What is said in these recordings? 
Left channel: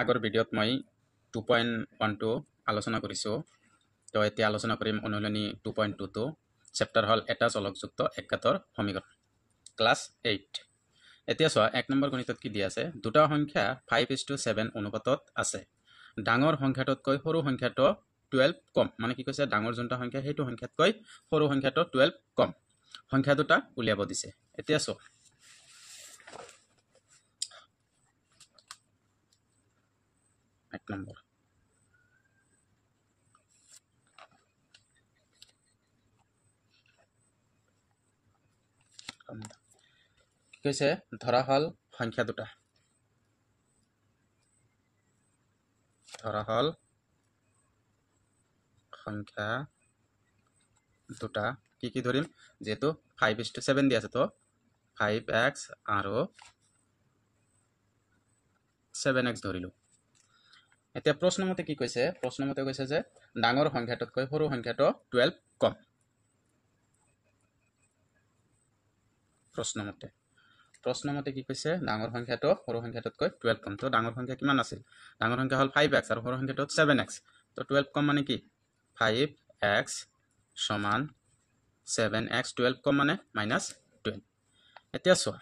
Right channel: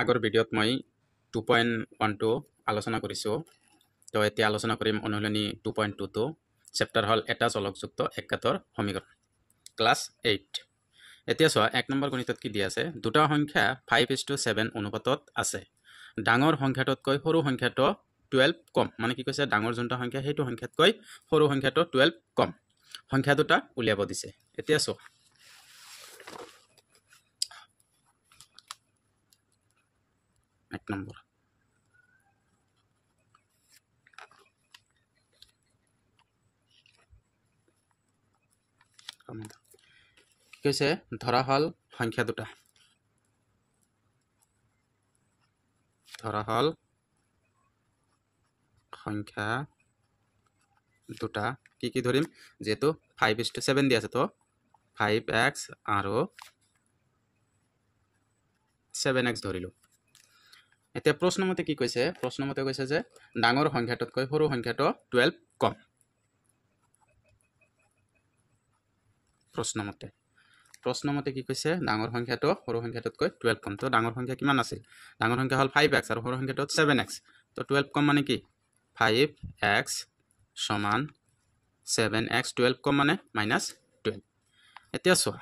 আগৰ ভিডিঅ'ত মই 2.12 আলোচনা কৰিছোঁ। তো এতিয়া আলোচনা কৰিম অনুশীলনী 2.22 চেপ্টাৰ হ'ল এটা চলকযুক্ত একাতৰ সমীকৰণ ক্লাছ 8। এতিয়া চোৱা 1 নম্বৰ গণিতত কি দিয়া আছে, দুটা সংখ্যা 5:7 অনুপাতত আছে। ডাঙৰ সংখ্যাটোতকৈ সৰু সংখ্যাটো 12 কম, মানে কি কৈছে ডাঙৰ যোনটা সংখ্যা সেইটো সংখ্যাতকৈ সৰু সংখ্যাটো 12 কম। সংখ্যা দুটা উলিয়াব দিছে। এতিয়া চোৱা 1 নম্বৰ কি কৈছে, ধৰা হ'ল সংখ্যা দুটা, ধৰা হ'ল সংখ্যা দুটা কি কি ধৰিম, যেহেতু 5:7 দিয়া আছে তো 5x আৰু 7x ধৰিলো। এতিয়া প্ৰশ্নমতে কি কৈছে, প্ৰশ্নমতে কৈছে যে ডাঙৰ সংখ্যাটোতকৈ সৰু সংখ্যাটো 12 কম। প্ৰশ্নমতে কি কৈছে, ডাঙৰ সংখ্যাটো সৰু সংখ্যাটোতকৈ 12 কম। তো ডাঙৰ সংখ্যা কিমান আছিল, ডাঙৰ সংখ্যা হ'ল 5x আৰু সৰু সংখ্যাটো 7x। তো 12 কম মানে কি 5x সমান 7x, 12 কম মানে -12। এতিয়া চোৱা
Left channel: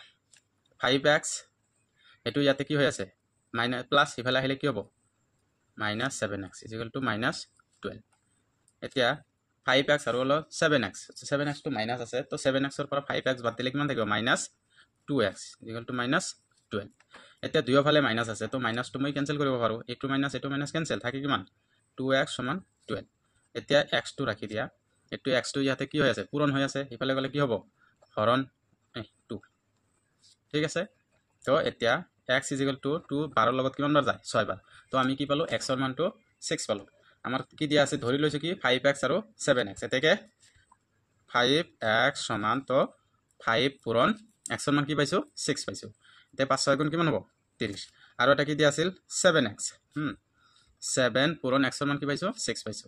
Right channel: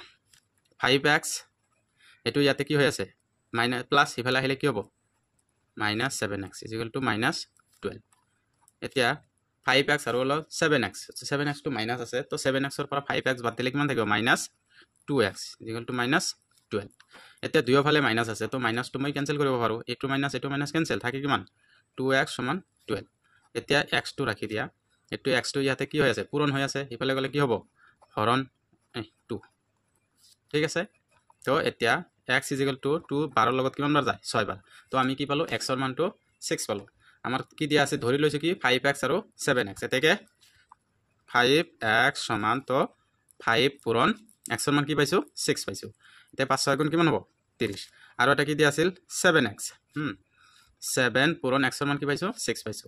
5x এইটো ইয়াতে কি হৈ আছে মাইনাছ প্লাছ, সিফালে আহিলে কি হ'ব -7x -12। এতিয়া 5x আৰু হলো 7x, 7x টো মাইনাছ আছে, তো 7x ৰ পৰা 5x বাদ দিলে কিমান থাকিব -2x -12। এতিয়া দুয়োফালে মাইনাছ আছে, তো মাইনাছটো মই কেনসেল কৰিব পাৰোঁ, এইটো মাইনাছ কেনসেল থাকে কিমান 2x সমান 12। এতিয়া x টো ৰাখি দিয়া, এইটো x টো ইয়াতে কি হৈ আছে পূৰণ হৈ আছে, সিফালে গ'লে কি হ'ব হৰণ 2। ঠিক আছে, তো এতিয়া x = 2 12 লগত কিমান বাৰ যায় 6 বাৰ। তো আমি কি পালো x ৰ মানটো 6 পালো। আমাৰ কি দিয়া আছে, ধৰি লৈছো কি 5x আৰু 7x। এতেকে 5x সমান তো 5 পূৰণ x ৰ মান কি পাইছো 6 পাইছো। এতিয়া 5 6 গুণ কিমান হ'ব 30। আৰু এটা কি দিয়া আছিল 7x, 7 পূৰণ x ৰ মান কি পাইছো 6 পাইছো।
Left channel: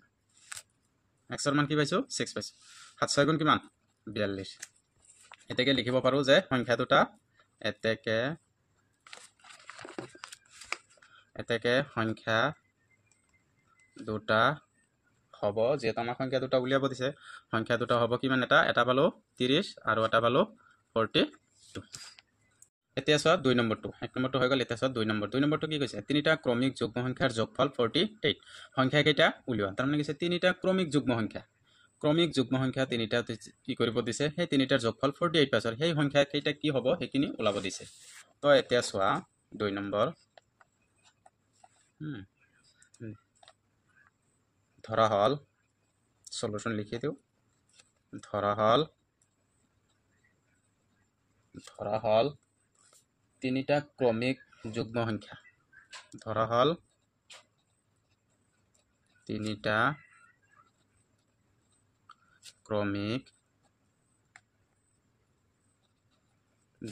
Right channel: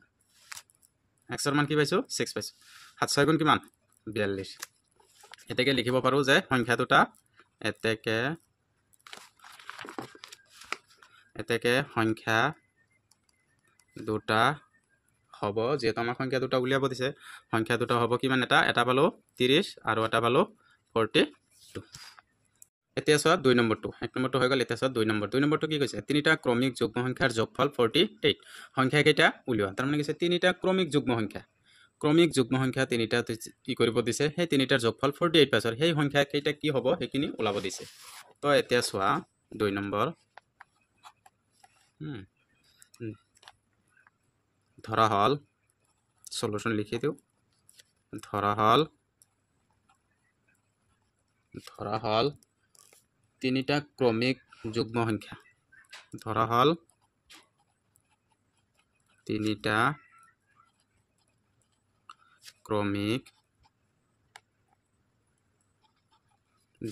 x ৰ মান কি পাইছো 6 পাইছো। 7 6 গুণ কিমান 42। এতেকে লিখিব পাৰো যে সংখ্যা দুটা এতেকে সংখ্যা দুটা হ'ব, যেহেতু আমাৰ সংখ্যা দুটা উলিয়াব দিছে, সংখ্যা দুটা হ'ব কিমান, এটা পালো 30 আৰু এটা পালো 42। এতিয়া চোৱা 2 নম্বৰটো, 1 নম্বৰটো হৈ গ'ল। এতিয়া চোৱা 2 নম্বৰটো কি কৈছে, তিনিটা ক্ৰমিক যুগ্ম সংখ্যাৰ যোগফল 48। সংখ্যা কেইটা উলিওৱা, তাৰমানে কৈছে তিনিটা ক্ৰমিক যুগ্ম সংখ্যা তিনিটা কি কৰিব দিছে, সেই তিনিটাৰ যোগফল 48 পাইছে। সেই সংখ্যা কেইটা কি হ'ব সেইখিনি ওলাব দিছে। তো এতিয়া চোৱা 2 নম্বৰ, ধৰা হ'ল সলিউশন লিখি দিওঁ, ধৰা হ'ল তিনিটা ক্ৰমিক যুগ্ম সংখ্যা, ধৰা হ'ল তিনিটা ক্ৰমিক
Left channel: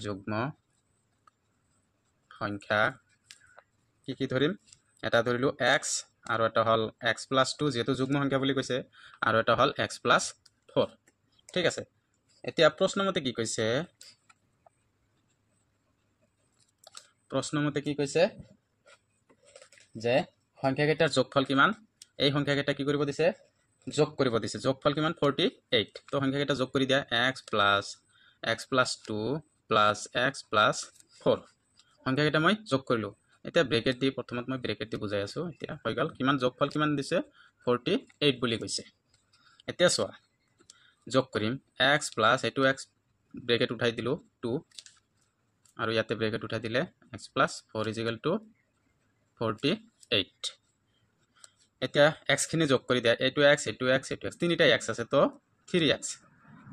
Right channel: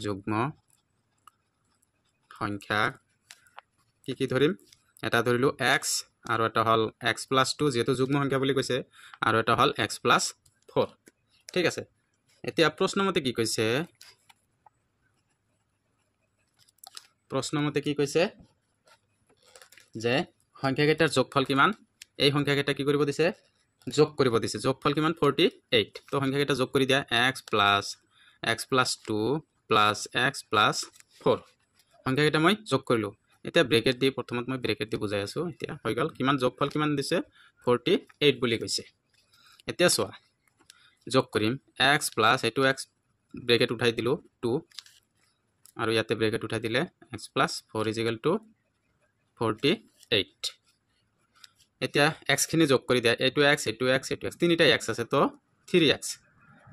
যুগ্ম সংখ্যা কি কি ধৰিম, এটা ধৰিলো x আৰু এটা হ'ল x+2, যেহেতু যুগ্ম সংখ্যা বুলি কৈছে, আৰু এটা হ'ল x+4। ঠিক আছে, এতিয়া প্ৰশ্নমতে কি কৈছে, যে সংখ্যা কেইটাৰ যোগফল কিমান, এই সংখ্যা কেইটা কি কৰিব দিছে যোগ কৰিব দিছে। যোগফল কিমান 48। তো সংখ্যা কেইটা যোগ কৰি দিয়া, x+2 + x+4 সংখ্যা কেইটা মই যোগ কৰিলো। এতিয়া ব্ৰেকেট দি, প্ৰথমত মই ব্ৰেকেট দি বুজাই আছো। এতিয়া হৈ গ'ল কিমান, যোগফল কিমান দিছে 48 বুলি কৈছে। এতিয়া চোৱা যোগ কৰিম, x প্লাছ এইটো x ব্ৰেকেট উঠাই দিলো 2, আৰু ইয়াতে ব্ৰেকেট উঠাই দিলে x+4 = 48। এতিয়া x খিনি যোগ কৰি দিয়া, এইটো x এইটো x এইটো x, তিনিটা x আছে, তো 3x,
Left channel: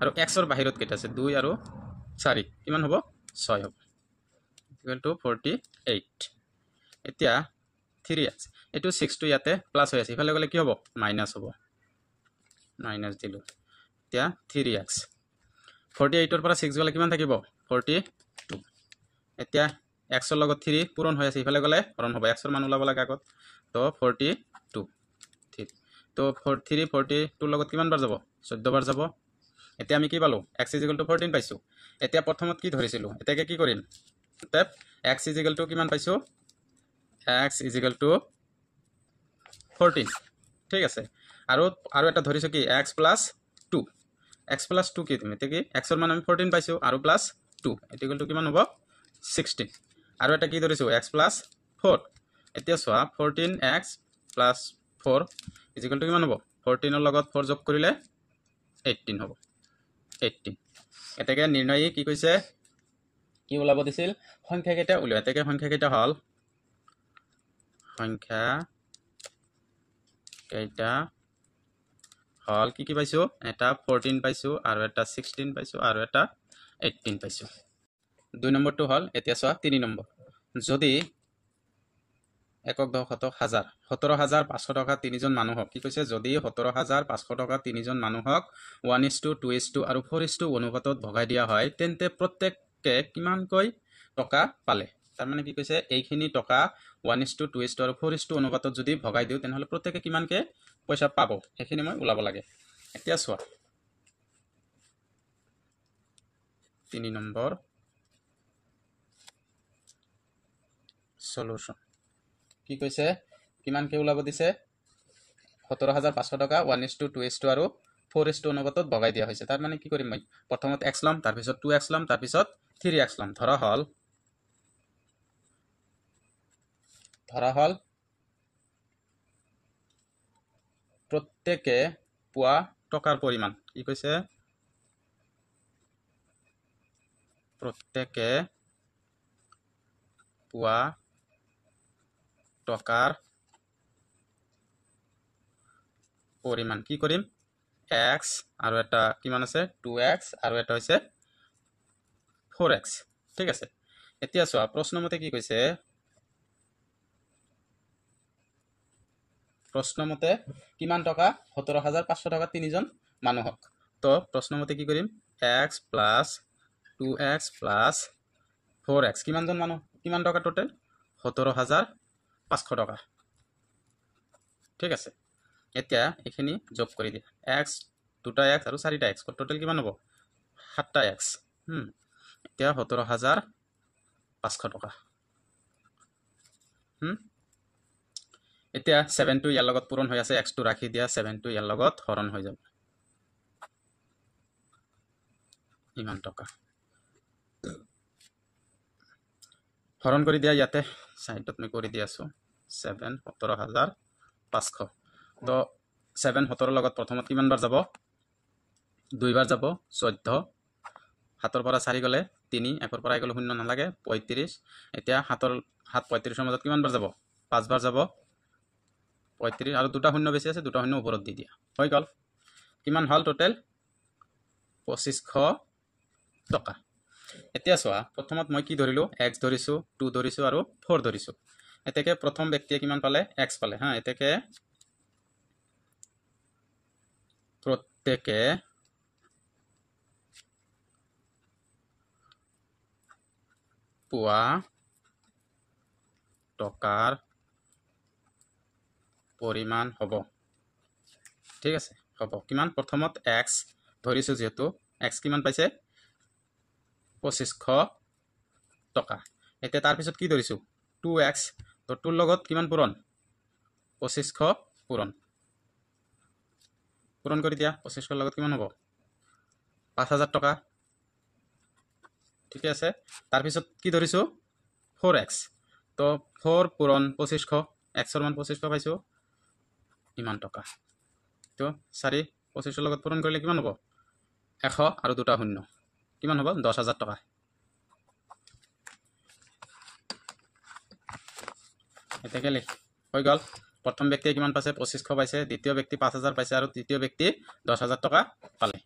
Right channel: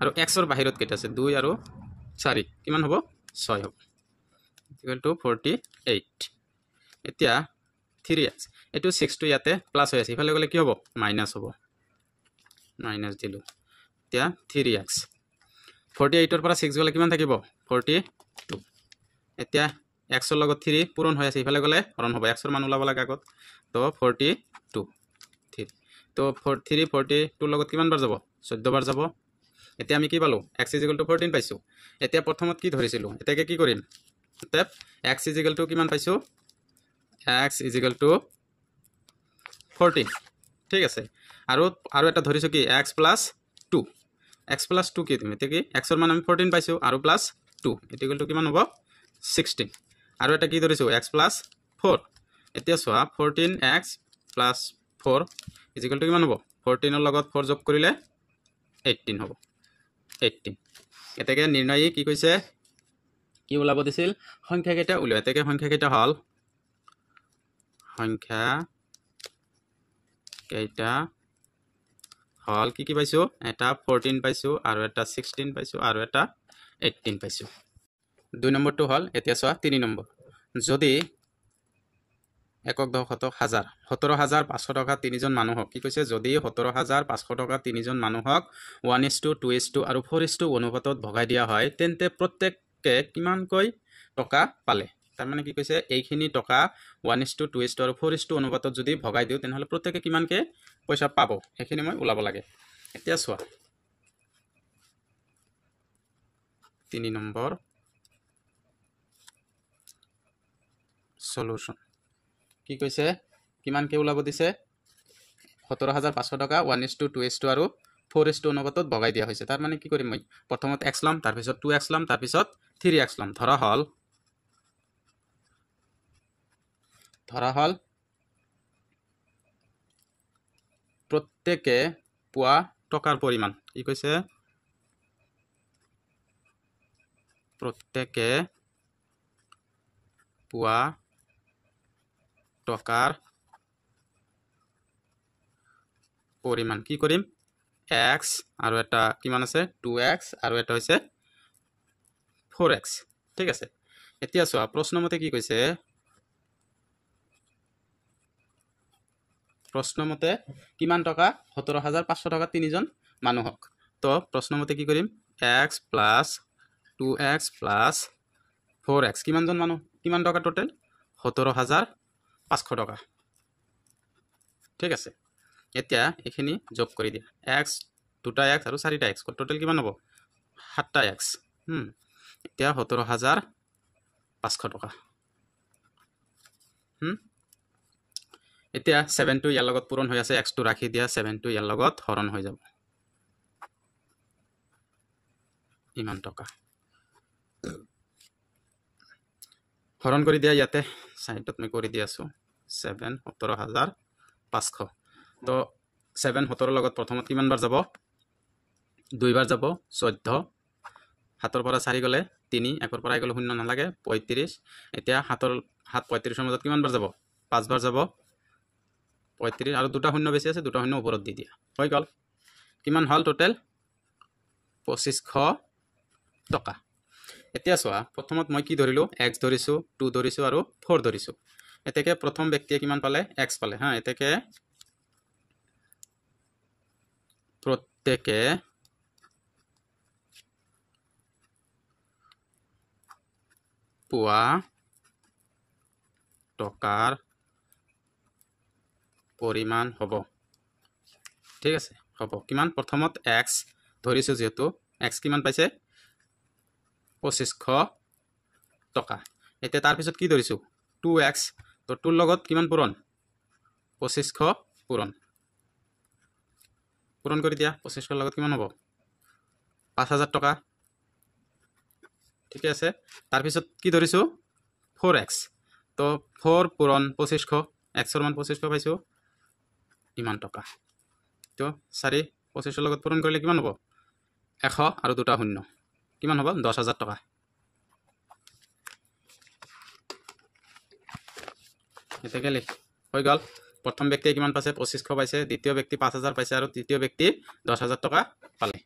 আৰু x ৰ বাহিৰত কেইটা আছে 2 আৰু 4, কিমান হ'ব 6 হ'ব = 48। এতিয়া 3x, এইটো 6 টো ইয়াতে প্লাস হৈ আছে, ইফালে গ'লে কি হ'ব মাইনাস হ'ব, মাইনাস দিলো। এতিয়া 3x 48 ৰ পৰা 6 গ'লে কিমান থাকিব 42। এতিয়া x ৰ লগত 3 পূৰণ হৈ আছে, ইফালে গ'লে হৰণ হ'ব, x ৰ মান ওলাব লাগে আগত, তো 42। তো 3 42 লগত কিমান বাৰ যাব 14 বাৰ যাব। এতিয়া আমি কি পালো x = 14 পাইছো। এতিয়া প্ৰথমত কি ধৰিছিলো, এতিয়াকে কি কৰিম, x = কিমান পাইছো x is equal to 14 ঠিক আছে আৰু এটা ধৰিছো কি x plus 2 x plus 2 কি তুমি এতে কি x ৰ মান আমি 14 পাইছো আৰু plus 2 এত ইকুয়াল টু কিমান হ'ব 16 আৰু এটা কি ধৰিছো x plus 4 এতিয়া চোৱা 14x plus 4 is equal to কিমান হ'ব 14 ৰ লগত 4 যোগ কৰিলে 18 হ'ব 18 এতেকে নিৰ্ণয় কি কৈছে কি ওলাব দিছিল সংখ্যা কেইটা উলিয়াই এতেকে সংখ্যা কেইটা হল সংখ্যা কেইটা হল কি পাইছো এটা 14 পাইছো আৰু এটা 16 পাইছো আৰু এটা 18 পাইছো দুই নম্বৰটো হল এতিয়া চোৱা 3 নম্বৰ যদি একক দশক হাজাৰ 17500 টকা তিনিজন মানুহক কি কৈছে যদি 17500 টকা তিনিজন মানুহক 1:2:2 আৰু 4:1 অনুপাতত ভগাই দিয়া হয় তেন্তে প্ৰত্যেককে কিমানকৈ টকা পালে তাৰ মানে কি কৈছে এইখিনি টকা 1:2:2 আৰু 4:1 অনুপাতত যদি ভগাই দিও তেনহলে প্ৰত্যেককে কিমানকে পইচা পাব এখিনি মই উলাব লাগে এতিয়া চোৱা 3 নম্বৰ সলিউশন কি কৈছে কিমানকে উলাব দিছে 17500 টকা 1:2:2 আৰু 4:1 অনুপাতত ভগাই দিয়া হৈছে তাৰ মানে কি কৰিম মই প্ৰথমত x লম তাৰ পিছত 2x লম তাৰ পিছত 3x লম ধৰা হল প্ৰত্যেকে পোৱা টকাৰ পৰিমাণ কি কৈছে প্ৰত্যেকে পোৱা টকাৰ পৰিমাণ কি কৰিম x আৰু এটা কিমান আছে 2x আৰু এটা হৈছে 4x ঠিক আছে এতিয়া চোৱা প্ৰশ্নমতে কি কৈছে প্ৰশ্নমতে কিমান টকা 17500 টকা তিনিজন মানুহক তো প্ৰশ্নমতে কি কৰিম x plus 2x plus 4x কিমানজন মানুহ কিমান টকা টোটাল 17500 টকা ঠিক আছে এতিয়া এখিনি যোগ কৰি দিয়া x 2টা x আৰু 4টা x টোটাল কিমান হ'ব 7টা x এতিয়া 17500 টকা এতিয়া 7 টো ইয়াৰ লগত পূৰণ হৈ আছে x টো ৰাখি দিয়া 7 টো ইয়াৰ লগত হৰণ হৈ যাব ইমান টকা হৰণ কৰি দিয়া ইয়াতে সাইডত মই কৰি দি আছো 7 17500 তো 7 17 লগত প্ৰথমত কিমান বাৰ যাব দুইবাৰ যাব 14 হাতৰ পৰা 4 গলে 3 একৰ পৰা গলে 0 নালাগে 35 এতিয়া হাতৰ 35 ৰ মাজত কিমান বাৰ যাব 5 বাৰ যাব 35 আৰু দুটা শূন্য বেছি আছে দুটা শূন্য ওপৰত দি দিয়া হৈ গল কিমান হল টোটাল 2500 টকা এতিয়া চোৱা প্ৰথমত মই কি ধৰিলো x ধৰিছো 2 ধৰিছো আৰু 4 ধৰিছো এতেকে প্ৰথম ব্যক্তিয়ে কিমান পালে x পালে হা এতেকে প্ৰত্যেকে পোৱা টকাৰ পৰিমাণ হ'ব ঠিক আছে হ'ব কিমান প্ৰথমত x ধৰিছো যেহেতু x কিমান পাইছে 2500 টকা এতিয়া তাৰ পিছত কি ধৰিছো 2x তো 2 লগত কিমান পূৰণ 2500 পূৰণ কৰি দিয়া 2500 লগত কিমান হ'ব 5000 টকা ঠিক আছে তাৰ পিছত কি ধৰিছো 4x তো 4 পূৰণ 2500 x ৰ মান 2500 পাইছো ইমান টকা তো 4 2500 লগত পূৰণ কৰিলে কিমান হ'ব 100 আৰু দুটা শূন্য কিমান হ'ব 10000 টকা এতেকে লিখ হৈ গল প্ৰথম ব্যক্তিয়ে কিমান পাইছে 2500 পাইছে দ্বিতীয় ব্যক্তি 5000 পাইছে আৰু তৃতীয় ব্যক্তি 10000 টকা পালে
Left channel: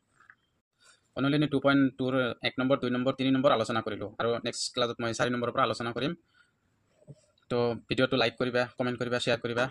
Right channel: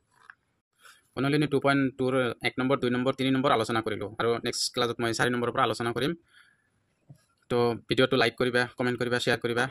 অনলাইনে 2.2 ৰ 1 নম্বৰ 2 নম্বৰ 3 নম্বৰ আলোচনা কৰিলো আৰু নেক্সট ক্লাছত মই 4 নম্বৰৰ পৰা আলোচনা কৰিম তো ভিডিওটো লাইক কৰিবা কমেন্ট কৰিবা শেয়াৰ কৰিবা